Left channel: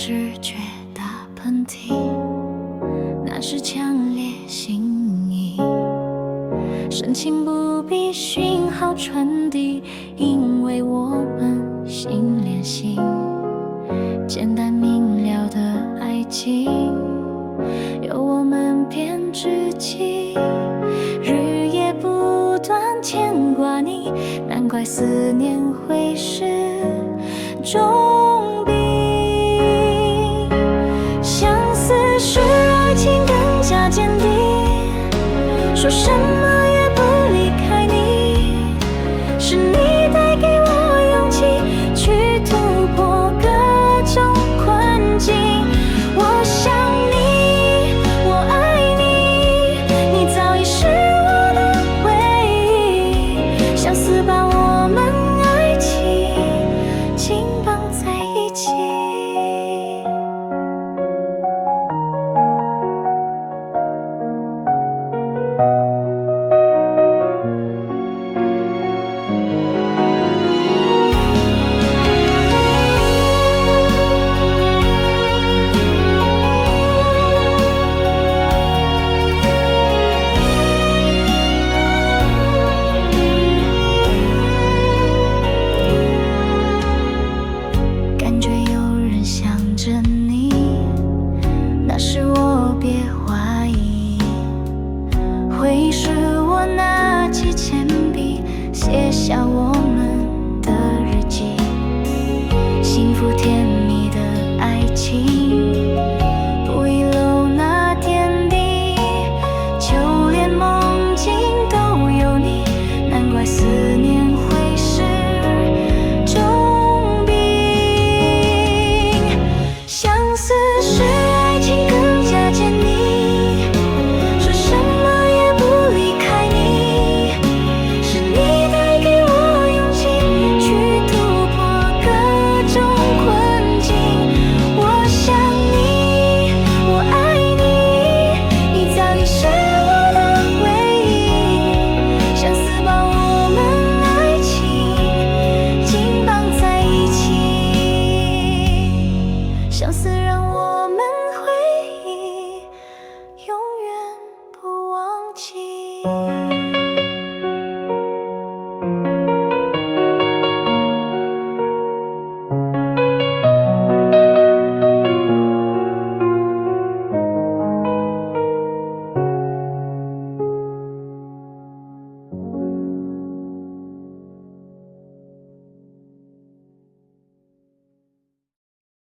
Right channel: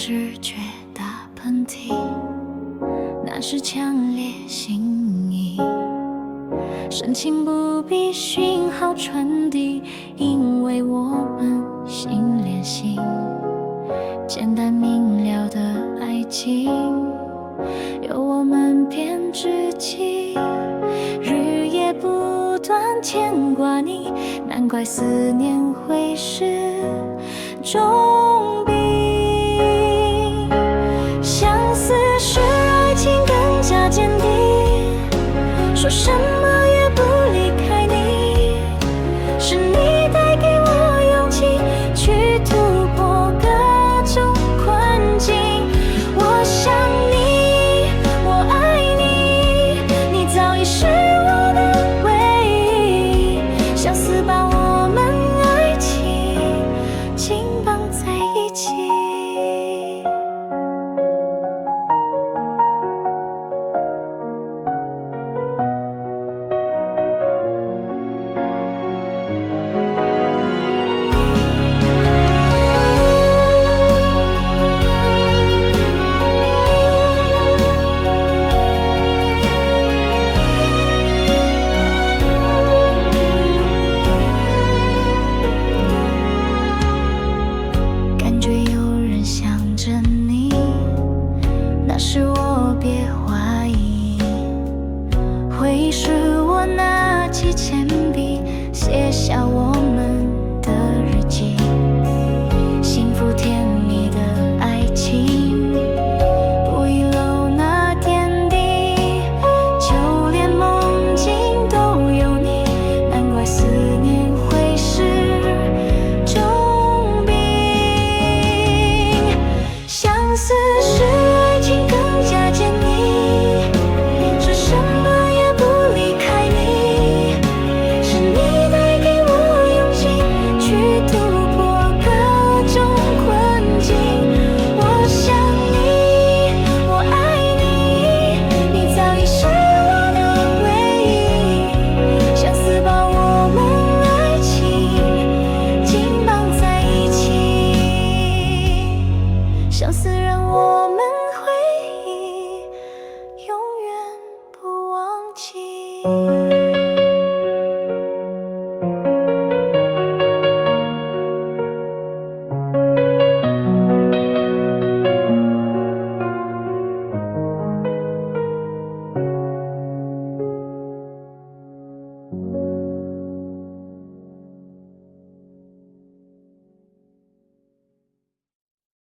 直觉打喷嚏，那是强烈心意。深情不必讯号传递，因为我们心连心。简单明了的爱情，有我们编织起，日夜不断牵挂你，难怪思念会是重病。相似使爱情更加坚定，说什么也不离开你，是你带给我勇气，去突破各种困境。我想你，我爱你，你早已是我的唯一，相思把我们爱情紧绑在一起。感觉有人想着你，那是我别怀疑。回忆是我拿起铅笔，写下我们的日记。幸福甜蜜的爱情，不遗漏那点滴，就连梦境都有你，难怪思念会是重病。相似使爱情更加坚定，说什么也不离开你，是你带给我勇气，去突破各种困境。我想你，我爱你，你早已是我的唯一，相思把我们爱情紧绑在一起，相思让我们